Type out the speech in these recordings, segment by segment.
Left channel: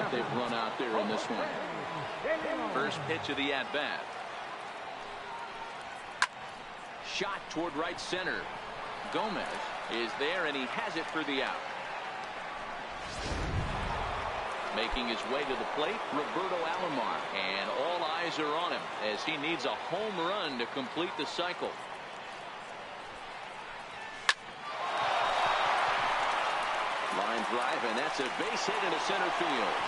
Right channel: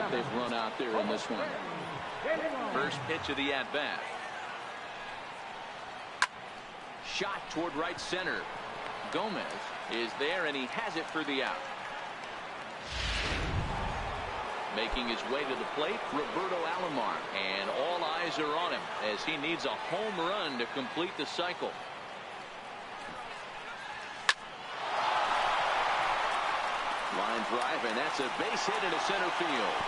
that they've run out there in this one. First pitch of the at-bat. Shot toward right center. Gomez is there, and he has it for the out. Making his way to the plate, Roberto Alomar, and all eyes are on him as he needs a home run to complete the cycle. Line drive, and that's a base hit into center field.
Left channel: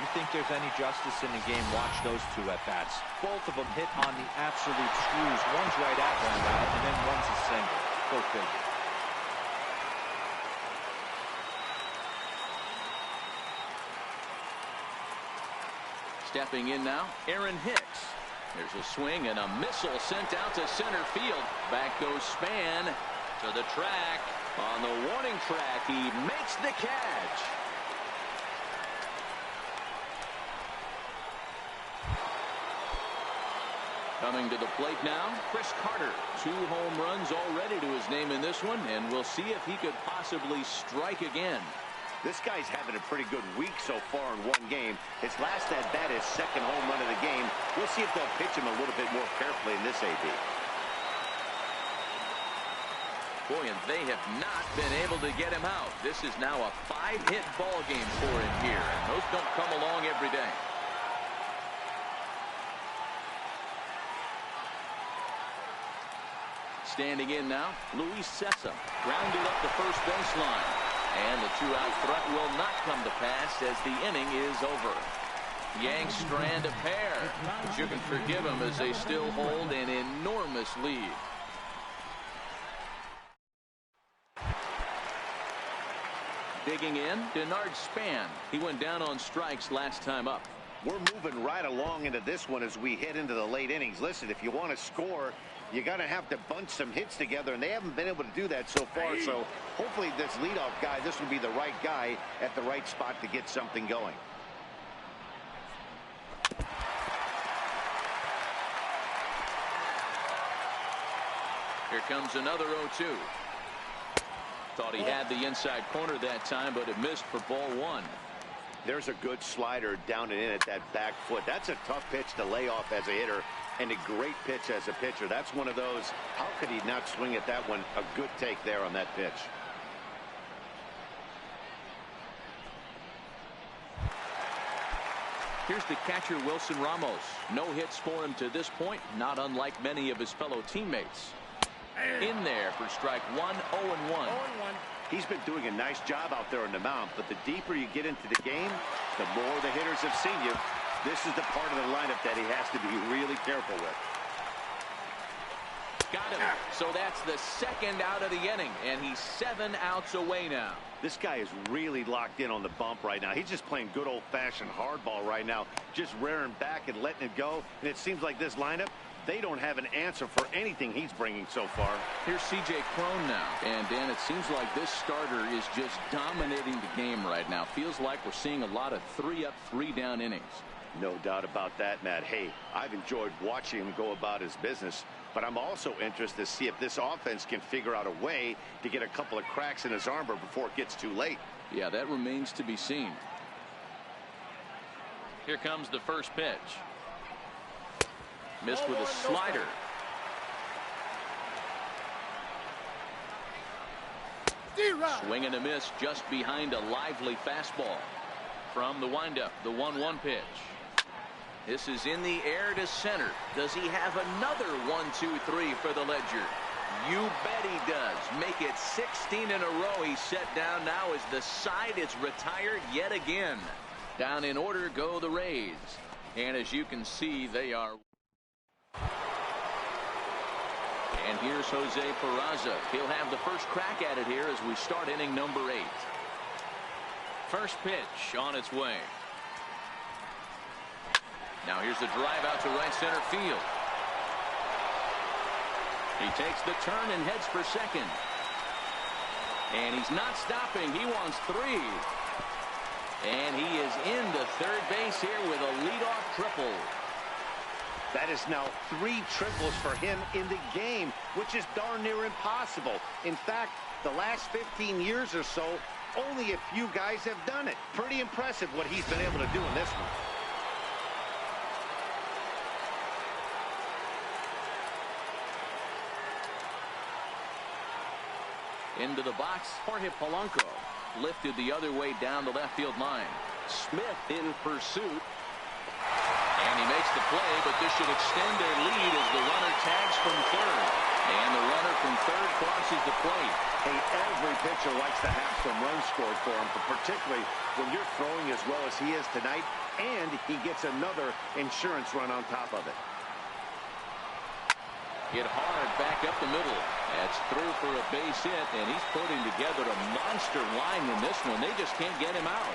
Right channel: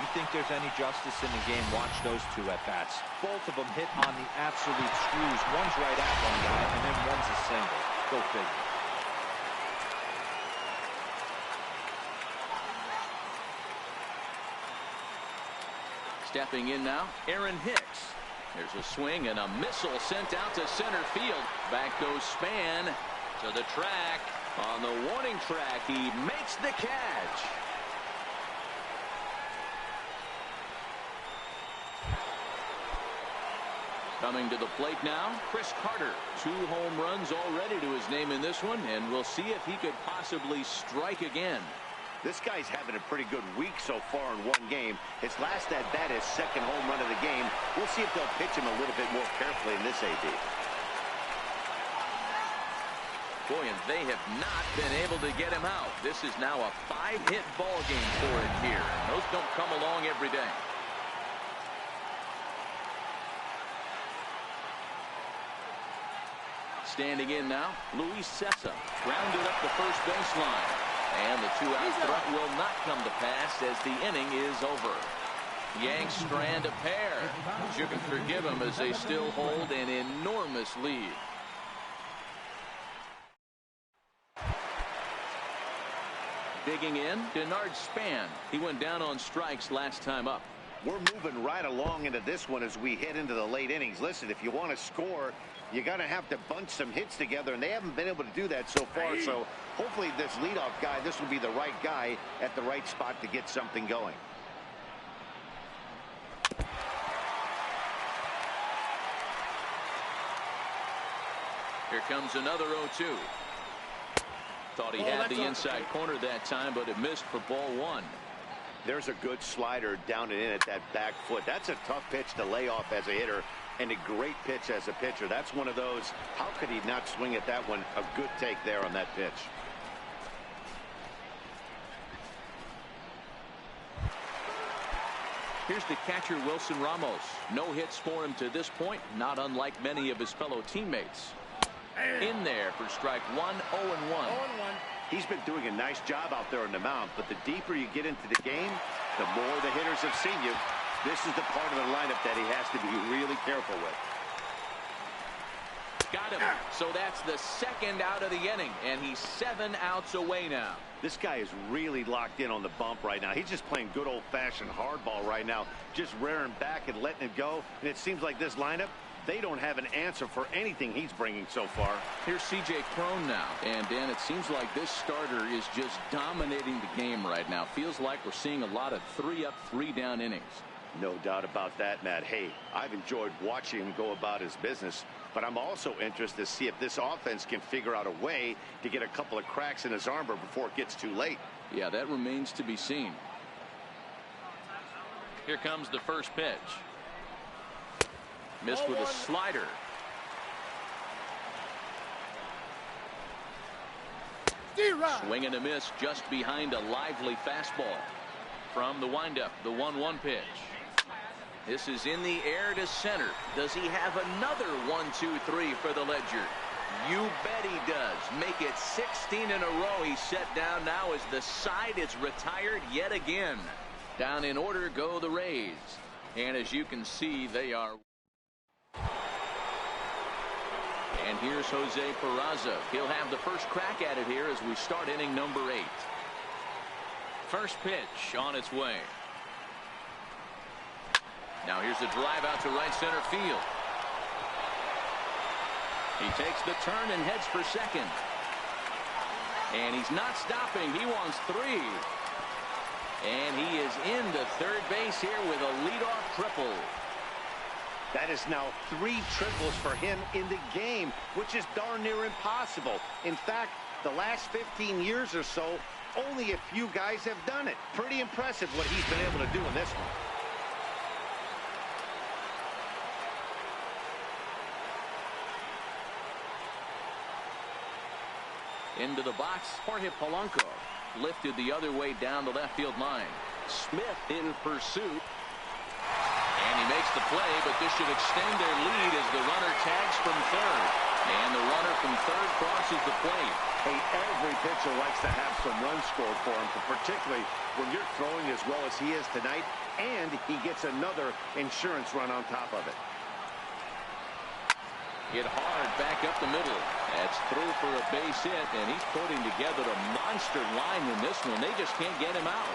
You think there's any justice in the game? Watch those two at-bats. Both of them hit on the absolute screws. One's right at one guy, and then one's a single. Go figure. Stepping in now, Aaron Hicks. There's a swing and a missile sent out to center field. Back goes Span to the track. On the warning track, he makes the catch. Coming to the plate now, Chris Carter. 2 home runs already to his name in this one, and we'll see if he could possibly strike again. This guy's having a pretty good week so far in one game. His last at-bat, his second home run of the game. We'll see if they'll pitch him a little bit more carefully in this AB. Boy, and they have not been able to get him out. This is now a 5-hit ball game for him here, and those don't come along every day. Standing in now, Luis Cessa. Grounded up the first baseline. And the 2-out threat will not come to pass as the inning is over. Yanks strand a pair. But you can forgive them as they still hold an enormous lead. Digging in, Denard Span. He went down on strikes last time up. We're moving right along into this one as we head into the late innings. Listen, if you want to score, you're going to have to bunch some hits together, and they haven't been able to do that so far. So hopefully this leadoff guy, this will be the right guy at the right spot to get something going. Here comes another 0-2. Thought he had the inside corner that time, but it missed for ball 1. There's a good slider down and in at that back foot. That's a tough pitch to lay off as a hitter, and a great pitch as a pitcher. That's one of those, how could he not swing at that one? A good take there on that pitch. Here's the catcher, Wilson Ramos. No hits for him to this point, not unlike many of his fellow teammates. In there for strike 1, 0-1. He's been doing a nice job out there on the mound, but the deeper you get into the game, the more the hitters have seen you. This is the part of the lineup that he has to be really careful with. Got him. So that's the second out of the inning, and he's 7 outs away now. This guy is really locked in on the bump right now. He's just playing good old-fashioned hardball right now, just rearing back and letting it go. And it seems like this lineup, they don't have an answer for anything he's bringing so far. Here's C.J. Cron now. And, Dan, it seems like this starter is just dominating the game right now. Feels like we're seeing a lot of 3-up, 3-down innings. No doubt about that, Matt. Hey, I've enjoyed watching him go about his business, but I'm also interested to see if this offense can figure out a way to get a couple of cracks in his armor before it gets too late. Yeah, that remains to be seen. Here comes the first pitch. Missed with a slider. Swing and a miss just behind a lively fastball. From the windup, the 1-1 pitch. This is in the air to center. Does he have another 1-2-3 for the Ledger? You bet he does. Make it 16 in a row. He's set down now as the side is retired yet again. Down in order go the Rays. And as you can see, they are. And here's Jose Peraza. He'll have the first crack at it here as we start inning number 8. First pitch on its way. Now here's the drive out to right center field. He takes the turn and heads for second. And he's not stopping. He wants 3. And he is into third base here with a leadoff triple. That is now 3 triples for him in the game, which is darn near impossible. In fact, the last 15 years or so, Only a few guys have done it. Pretty impressive what he's been able to do in this one. Into the box, Jorge Polanco lifted the other way down the left field line. Smith in pursuit. And he makes the play, but this should extend their lead as the runner tags from third. And the runner from third crosses the plate. Hey, every pitcher likes to have some runs scored for him, but particularly when you're throwing as well as he is tonight, and he gets another insurance run on top of it. Hit hard back up the middle. That's through for a base hit, and he's putting together a monster line in this one. They just can't get him out.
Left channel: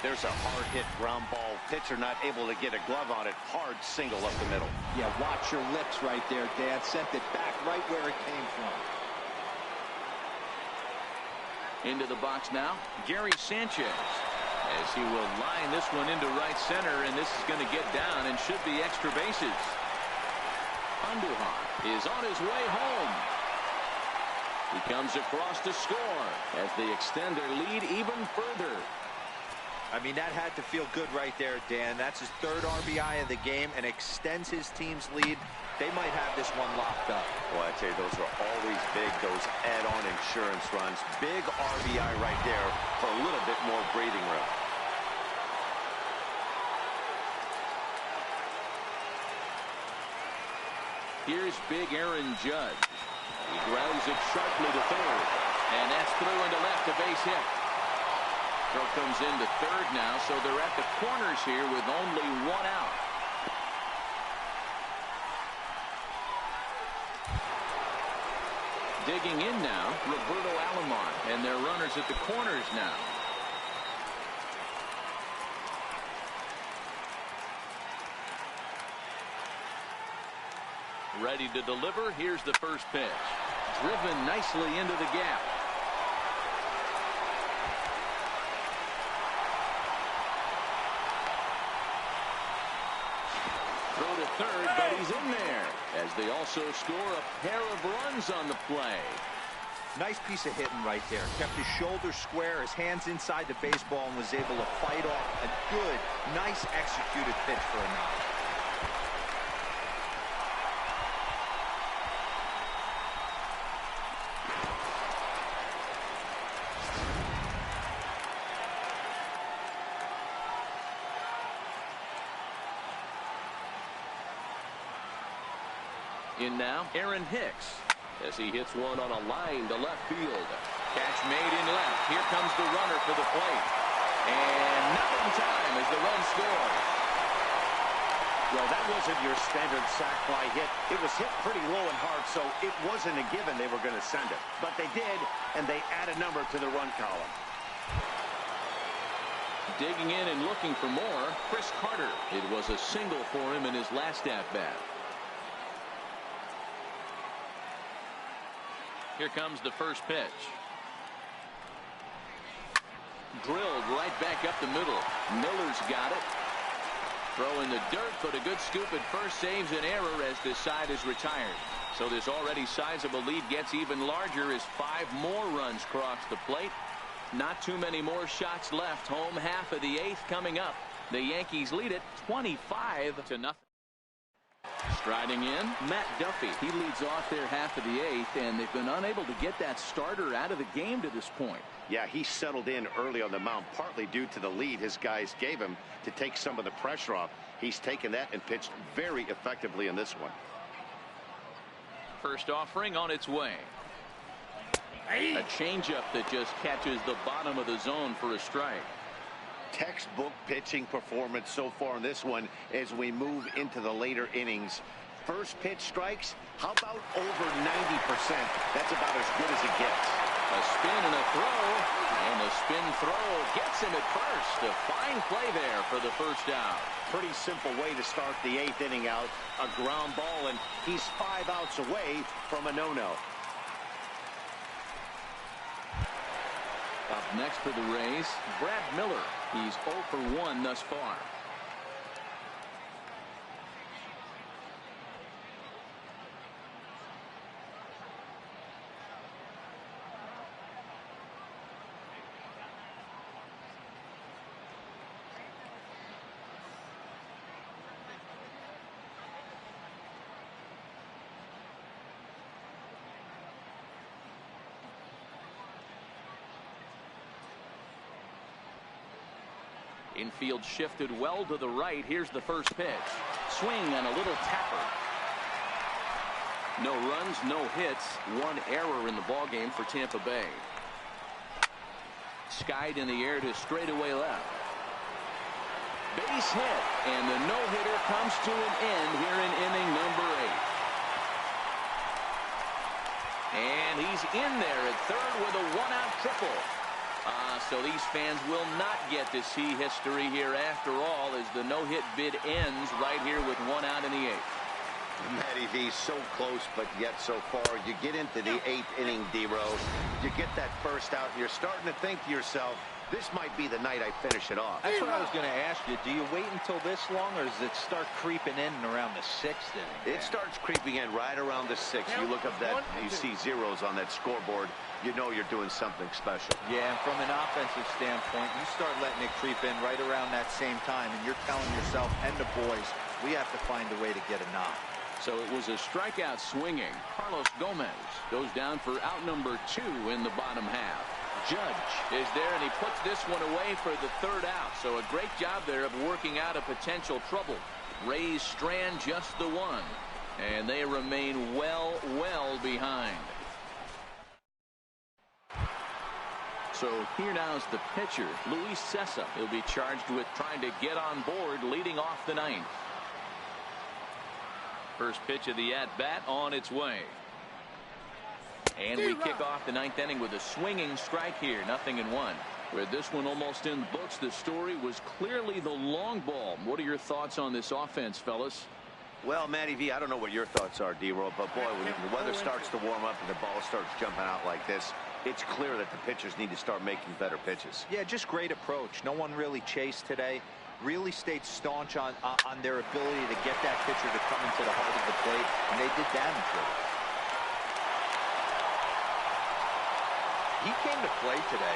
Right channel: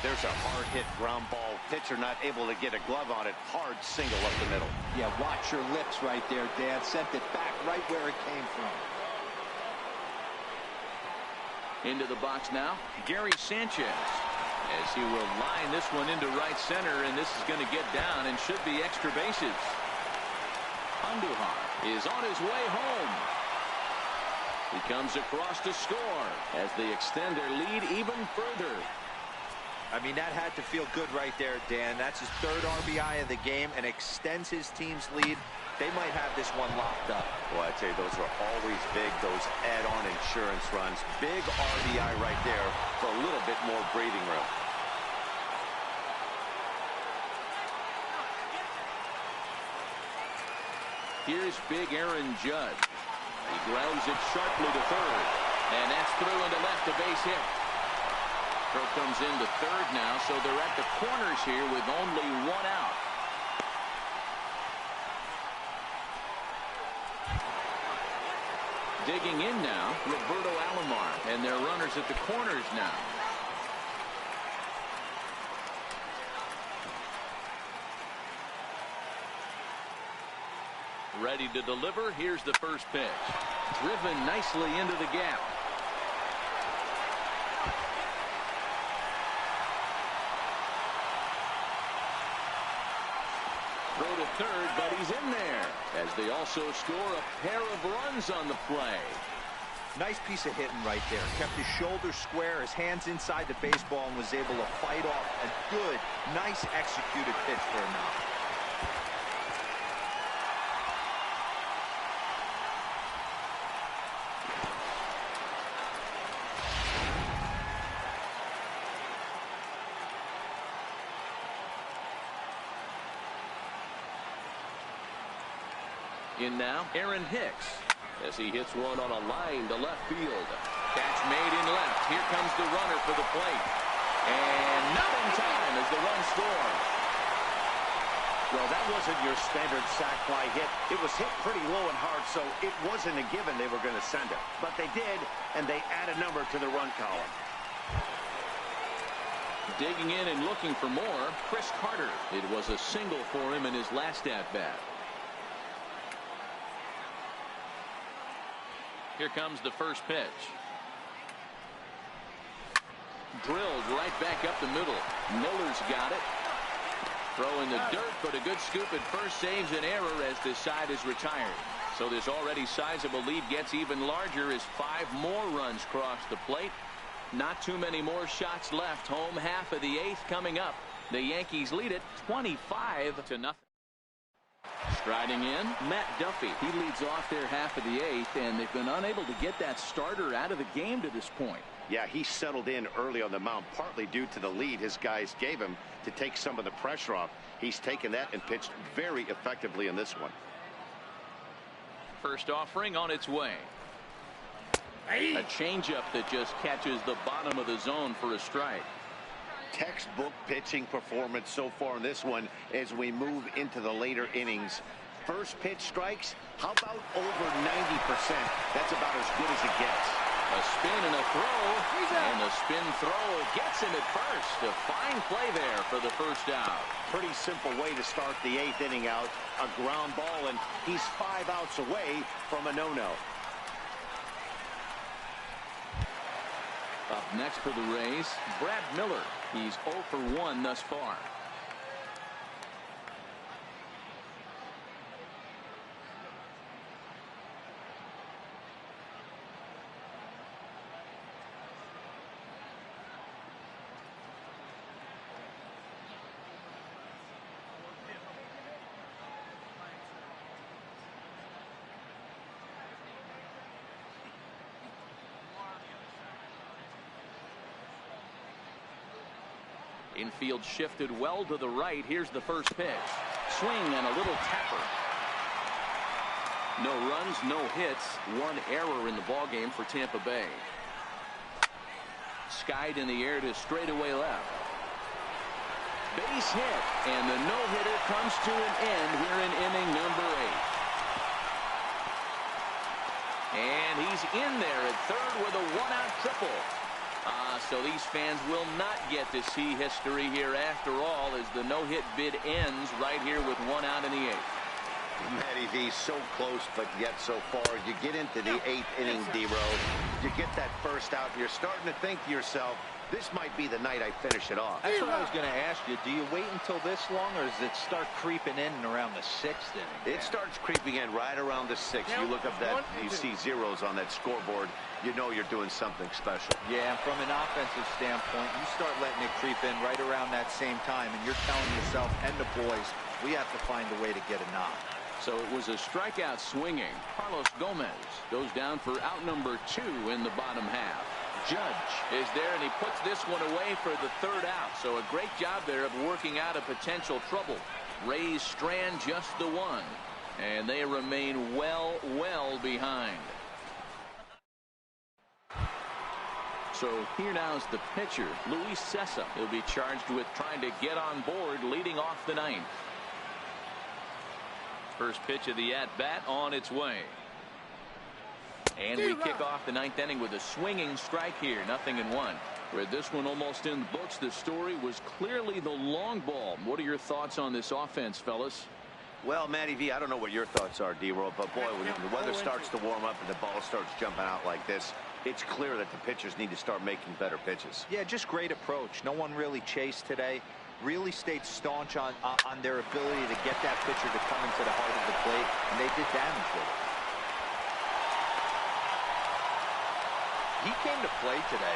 There's a hard hit ground ball. Pitcher not able to get a glove on it. Hard single up the middle. Yeah, watch your lips right there, Dan. Sent it back right where it came from. Into the box now, Gary Sanchez, as he will line this one into right center, and this is going to get down and should be extra bases. LATINOHEAt is on his way home. He comes across to score as they extend their lead even further. I mean, that had to feel good right there, Dan. That's his third RBI of the game and extends his team's lead. They might have this one locked up. Well, I'd say those are always big, those add-on insurance runs. Big RBI right there for a little bit more breathing room. Here's big Aaron Judge. He grounds it sharply to third. And that's through into left, a base hit. Throw comes into third now, so they're at the corners here with only one out. Digging in now, Roberto Alomar, and their runners at the corners now. Ready to deliver. Here's the first pitch. Driven nicely into the gap. Throw to third, but he's in there, as they also score a pair of runs on the play. Nice piece of hitting right there. Kept his shoulders square, his hands inside the baseball, and was able to fight off a good, nice executed pitch for a knock. In now, Aaron Hicks, as he hits one on a line to left field. Catch made in left. Here comes the runner for the plate. And not in time as the run scores. Well, that wasn't your standard sac fly hit. It was hit pretty low and hard, so it wasn't a given they were going to send it. But they did, and they add a number to the run column. Digging in and looking for more, Chris Carter. It was a single for him in his last at-bat. Here comes the first pitch. Drilled right back up the middle. Miller's got it. Throw in the dirt, but a good scoop at first saves an error as this side is retired. So this already sizable lead gets even larger as 5 more runs cross the plate. Not too many more shots left. Home half of the 8th coming up. The Yankees lead it 25-0. Striding in, Matt Duffy. He leads off their half of the 8th, and they've been unable to get that starter out of the game to this point. Yeah, he settled in early on the mound, partly due to the lead his guys gave him to take some of the pressure off. He's taken that and pitched very effectively in this one. First offering on its way. A changeup that just catches the bottom of the zone for a strike. Textbook pitching performance so far in this one as we move into the later innings. First pitch strikes, how about over 90%? That's about as good as it gets. A spin and a throw, and a spin throw gets him at first. A fine play there for the first out. Pretty simple way to start the 8th inning out. A ground ball, and he's 5 outs away from a no-no. Up next for the Rays, Brad Miller. He's 0 for 1 thus far. Infield shifted well to the right. Here's the first pitch. Swing and a little tapper. No runs, no hits. One error in the ballgame for Tampa Bay. Skied in the air to straightaway left. Base hit, and the no-hitter comes to an end here in inning number 8. And he's in there at third with a one-out triple. So these fans will not get to see history here after all, as the no-hit bid ends right here with one out in the 8th. Matty V, so close, but yet so far. You get into the 8th inning, D-Rose. You get that first out, and you're starting to think to yourself, this might be the night I finish it off. That's what I was going to ask you. Do you wait until this long, or does it start creeping in around the 6th inning? It starts creeping in right around the 6th. You look up that, you see zeros on that scoreboard. You know you're doing something special. Yeah, and from an offensive standpoint, you start letting it creep in right around that same time, and you're telling yourself and the boys, we have to find a way to get a knock. So it was a strikeout swinging. Carlos Gomez goes down for out number 2 in the bottom half. Judge is there, and he puts this one away for the 3rd out. So a great job there of working out a potential trouble. Rays strand just the 1, and they remain well behind. So here now is the pitcher, Luis Cessa. He'll be charged with trying to get on board leading off the 9th. First pitch of the at-bat on its way. And we kick off the 9th inning with a swinging strike here. 0-1. With this one almost in the books, the story was clearly the long ball. What are your thoughts on this offense, fellas? Well, Matty V, I don't know what your thoughts are, D-Roll, but boy, when the weather starts to warm up and the ball starts jumping out like this, it's clear that the pitchers need to start making better pitches. Yeah, just great approach. No one really chased today. Really stayed staunch on their ability to get that pitcher to come into the heart of the plate, and they did damage with it. He came to play today,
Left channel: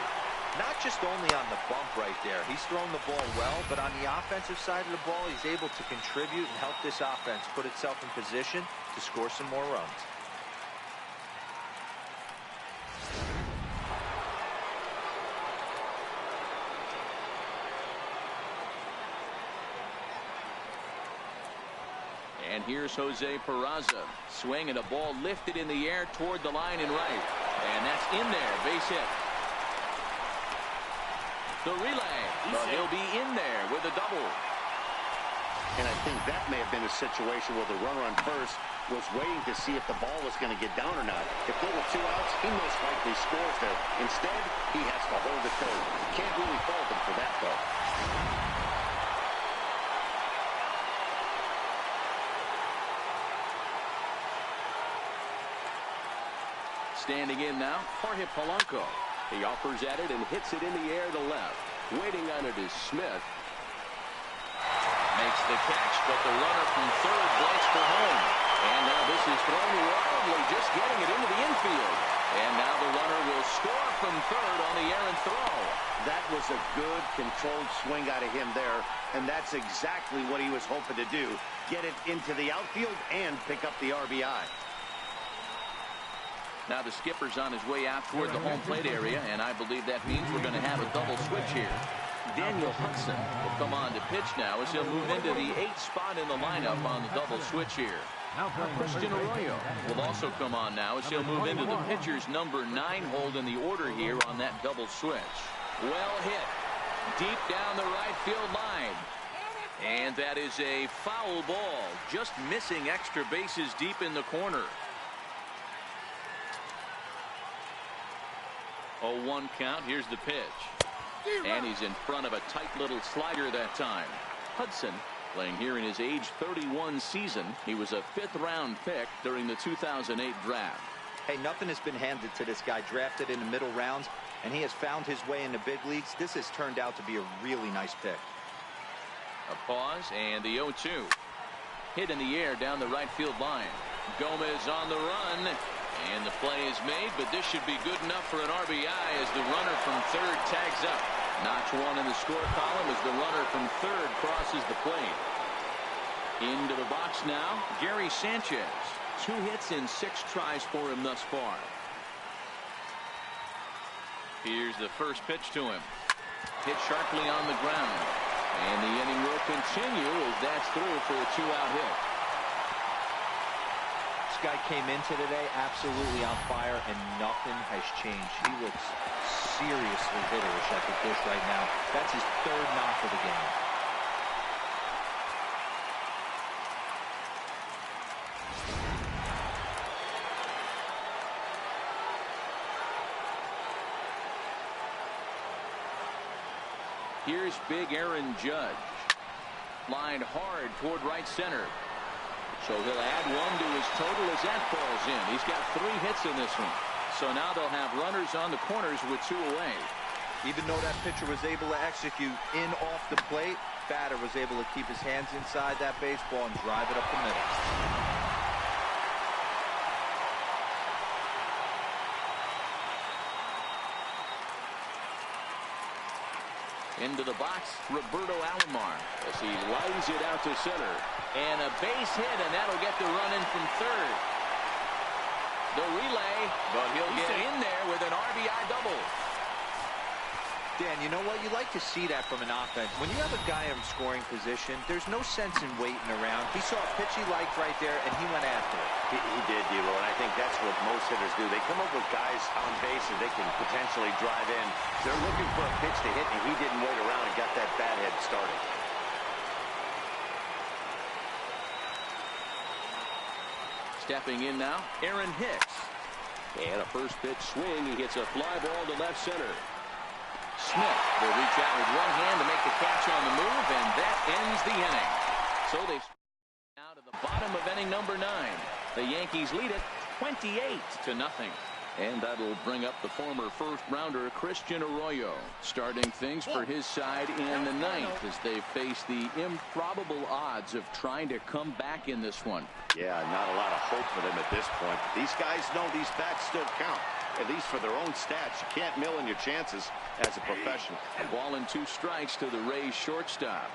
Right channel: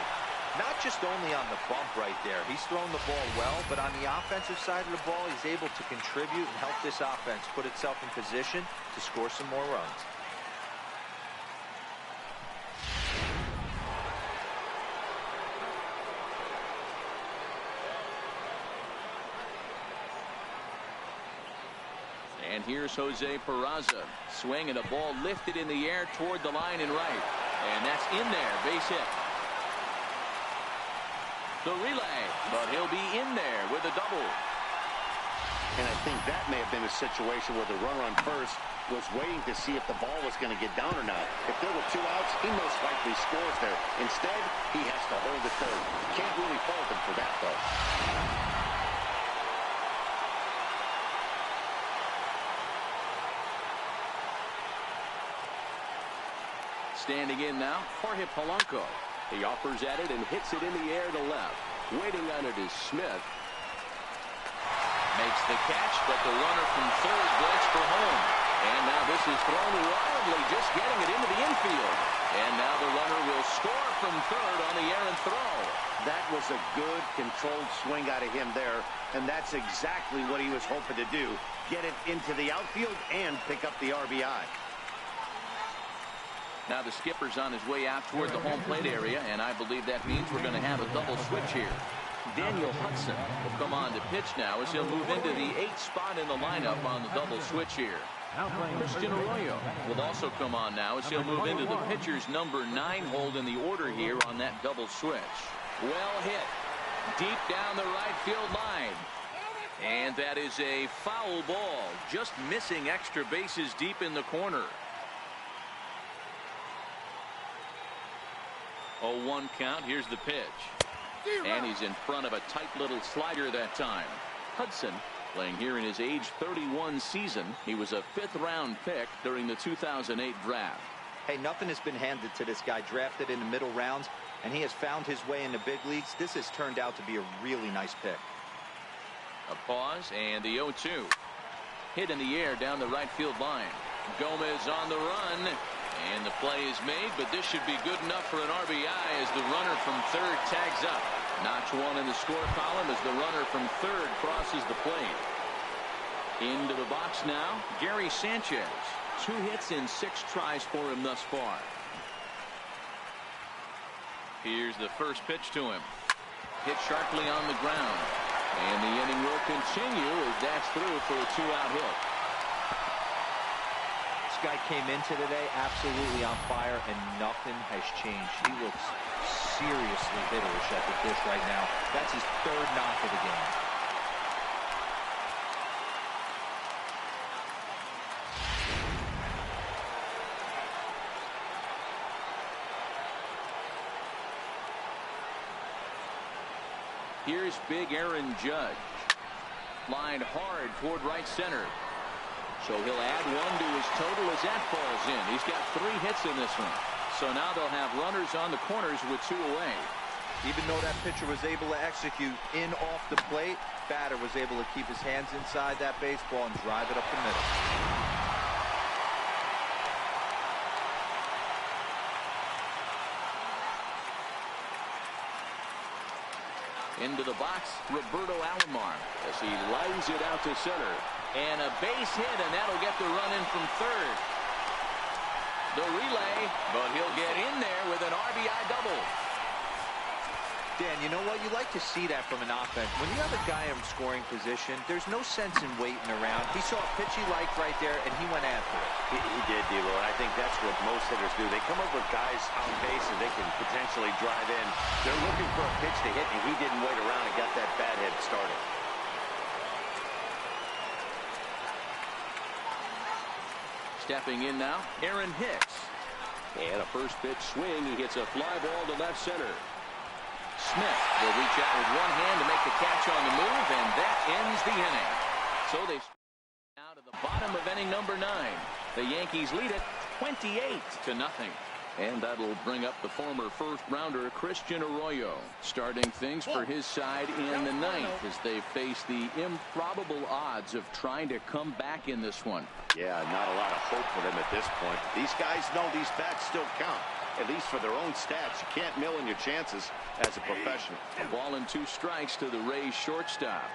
not just only on the bump right there. He's thrown the ball well, but on the offensive side of the ball, he's able to contribute and help this offense put itself in position to score some more runs. And here's Jose Peraza. Swing and a ball lifted in the air toward the line and right. And that's in there. Base hit. The relay. But he'll be in there with a double. And I think that may have been a situation where the runner on first was waiting to see if the ball was going to get down or not. If there were 2 outs, he most likely scores there. Instead, he has to hold it third. Can't really fault him for that, though. Standing in now, Jorge Polanco. He offers at it and hits it in the air to left. Waiting on it is Smith. Makes the catch, but the runner from third breaks for home. And now this is thrown wildly, just getting it into the infield. And now the runner will score from third on the errant throw. That was a good, controlled swing out of him there, and that's exactly what he was hoping to do. Get it into the outfield and pick up the RBI. Now the skipper's on his way out toward the home plate area, and I believe that means we're going to have a double switch here. Daniel Hudson will come on to pitch now as he'll move into the 8th spot in the lineup on the double switch here. Christian Arroyo will also come on now as he'll move into the pitcher's number 9 hold in the order here on that double switch. Well hit. Deep down the right field line. And that is a foul ball. Just missing extra bases deep in the corner. 0-1 count. Here's the pitch. And he's in front of a tight little slider that time. Hudson playing here in his age 31 season. He was a 5th round pick during the 2008 draft. Hey, nothing has been handed to this guy. Drafted in the middle rounds, and he has found his way in the big leagues. This has turned out to be a really nice pick. A pause and the 0-2. Hit in the air down the right field line. Gomez on the run. And the play is made, but this should be good enough for an RBI as the runner from third tags up. Notch 1 in the score column as the runner from third crosses the plate. Into the box now, Gary Sanchez. 2 hits in 6 tries for him thus far. Here's the first pitch to him. Hit sharply on the ground. And the inning will continue as that's through for a 2-out hit. This guy came into today absolutely on fire, and nothing has changed. He looks seriously hitterish at the dish right now. That's his third knock of the game. Here's big Aaron Judge. Lined hard toward right center. So he'll add one to his total as that falls in. He's got 3 hits in this one. So now they'll have runners on the corners with 2 away. Even though that pitcher was able to execute in off the plate, batter was able to keep his hands inside that baseball and drive it up the middle. Into the box, Roberto Alomar as he lines it out to center. And a base hit, and that'll get the run in from third. The relay, but he'll get in there with an RBI double. Dan, you know what? You like to see that from an offense. When you have a guy in scoring position, there's no sense in waiting around. He saw a pitch he liked right there, and he went after it. He did, D-Row, and I think that's what most hitters do. They come up with guys on base and they can potentially drive in. They're looking for a pitch to hit, and he didn't wait around and got that bat head started. Stepping in now, Aaron Hicks. And a first pitch swing. He hits a fly ball to left center. Smith will reach out with one hand to make the catch on the move, and that ends the inning. So they now to the bottom of inning number 9. The Yankees lead it 28-0. And that'll bring up the former first-rounder Christian Arroyo, starting things for his side in the 9th as they face the improbable odds of trying to come back in this one. Yeah, not a lot of hope for them at this point. These guys know these bats still count, at least for their own stats. You can't mill in your chances as a professional. A ball and 2 strikes to the Rays shortstop.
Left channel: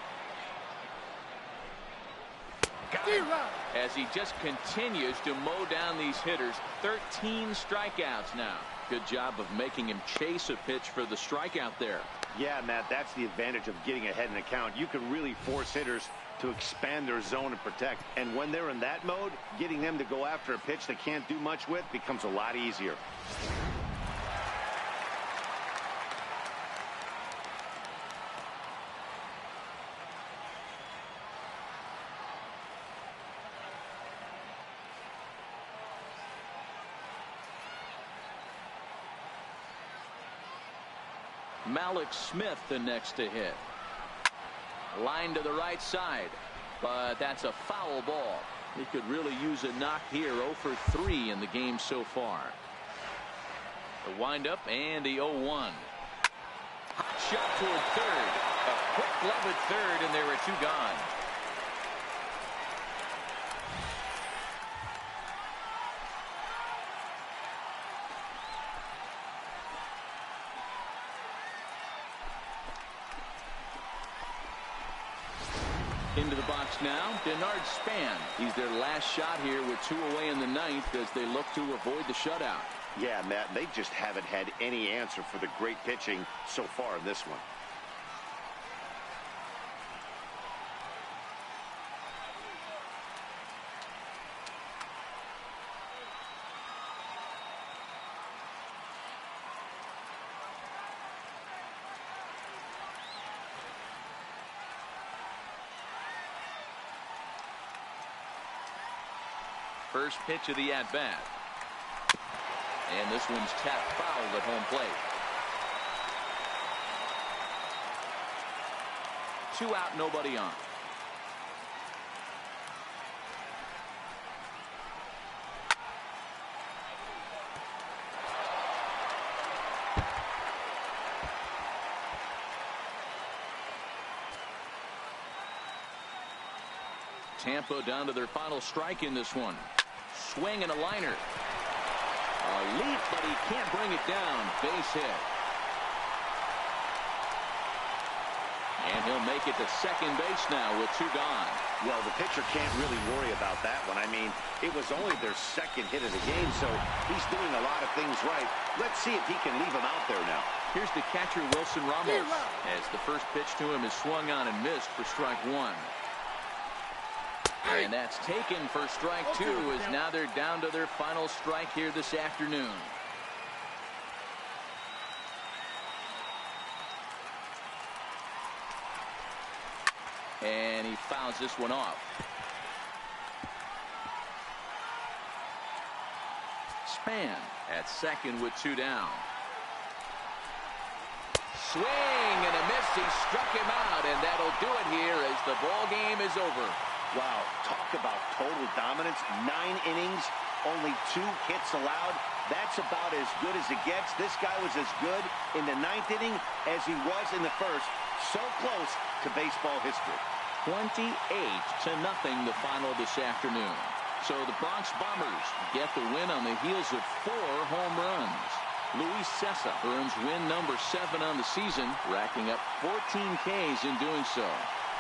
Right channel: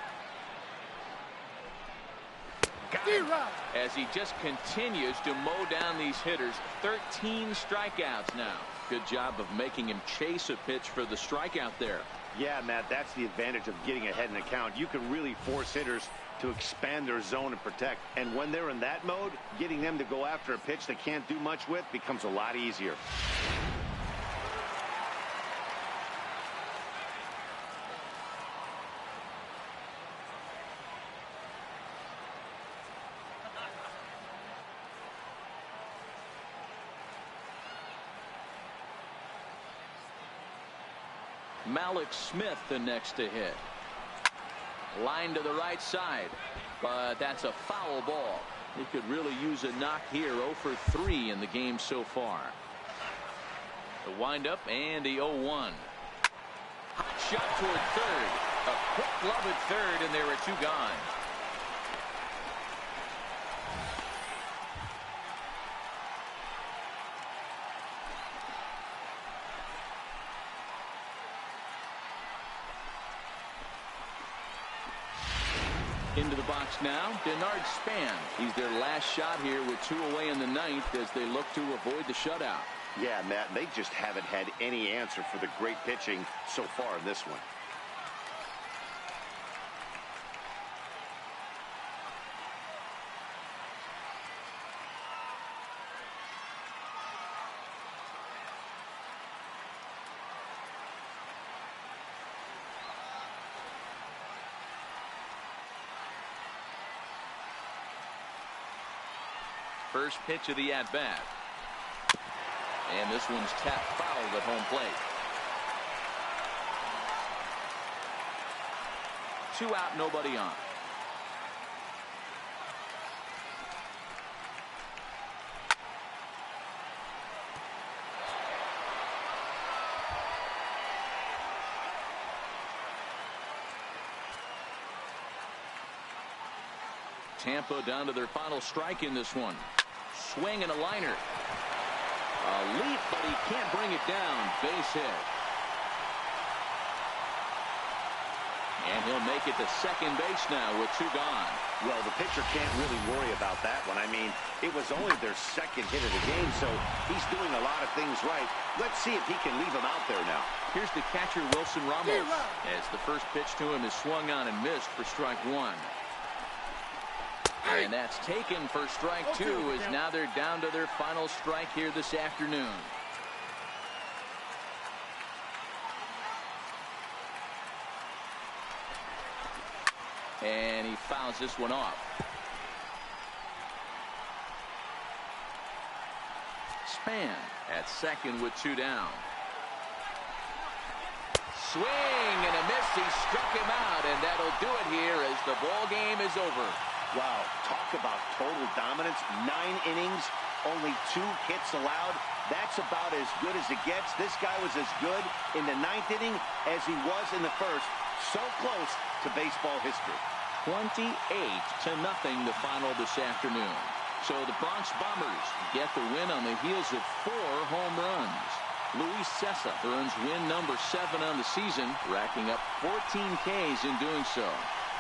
As he just continues to mow down these hitters. 13 strikeouts now. Good job of making him chase a pitch for the strikeout there. Yeah, Matt, that's the advantage of getting ahead in the count. You can really force hitters to expand their zone and protect. And when they're in that mode, getting them to go after a pitch they can't do much with becomes a lot easier. Malik Smith the next to hit. Line to the right side, but that's a foul ball. He could really use a knock here. 0 for 3 in the game so far. The windup and the 0-1. Hot shot toward third. A quick glove at third, and there are 2 gone. Into the box now, Denard Span. He's their last shot here with 2 away in the 9th as they look to avoid the shutout. Yeah, Matt, they just haven't had any answer for the great pitching so far in this one. First pitch of the at-bat. And this one's tapped foul at home plate. 2 out, nobody on. Tampa down to their final strike in this one. Swing and a liner. A leap, but he can't bring it down. Base hit. And he'll make it to second base now with 2 gone. Well, the pitcher can't really worry about that one. I mean, it was only their second hit of the game, so he's doing a lot of things right. Let's see if he can leave him out there now. Here's the catcher, Wilson Ramos, as the first pitch to him is swung on and missed for strike one. And that's taken for strike two, as now they're down to their final strike here this afternoon. And he fouls this one off. Span at second with two down. Swing and a miss. He struck him out, and that'll do it here as the ball game is over. Wow, talk about total dominance. 9 innings, only 2 hits allowed. That's about as good as it gets. This guy was as good in the 9th inning as he was in the first. So close to baseball history. 28-0 the final this afternoon. So the Bronx Bombers get the win on the heels of 4 home runs. Luis Cessa earns win number 7 on the season, racking up 14 Ks in doing so.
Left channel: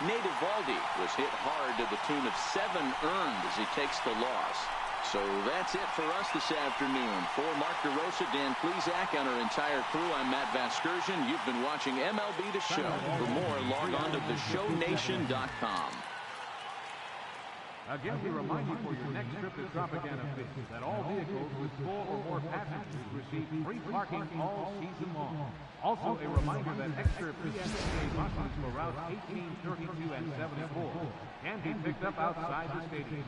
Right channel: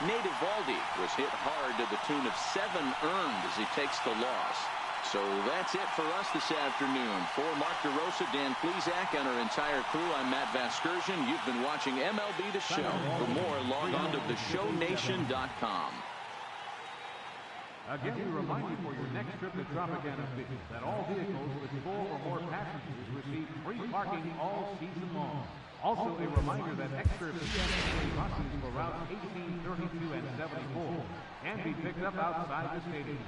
Nate Eovaldi was hit hard to the tune of 7 earned as he takes the loss. So that's it for us this afternoon. For Mark DeRosa, Dan Plesac, and our entire crew, I'm Matt Vasgersian. You've been watching MLB The Show. For more, log on to theshownation.com. Again, we remind you for your next trip to Tropicana Beach that all vehicles with 4 or more passengers receive free parking all season long. Also, a reminder that extra PSA buses for routes 18, 32, and 74 can be picked up outside the stadium.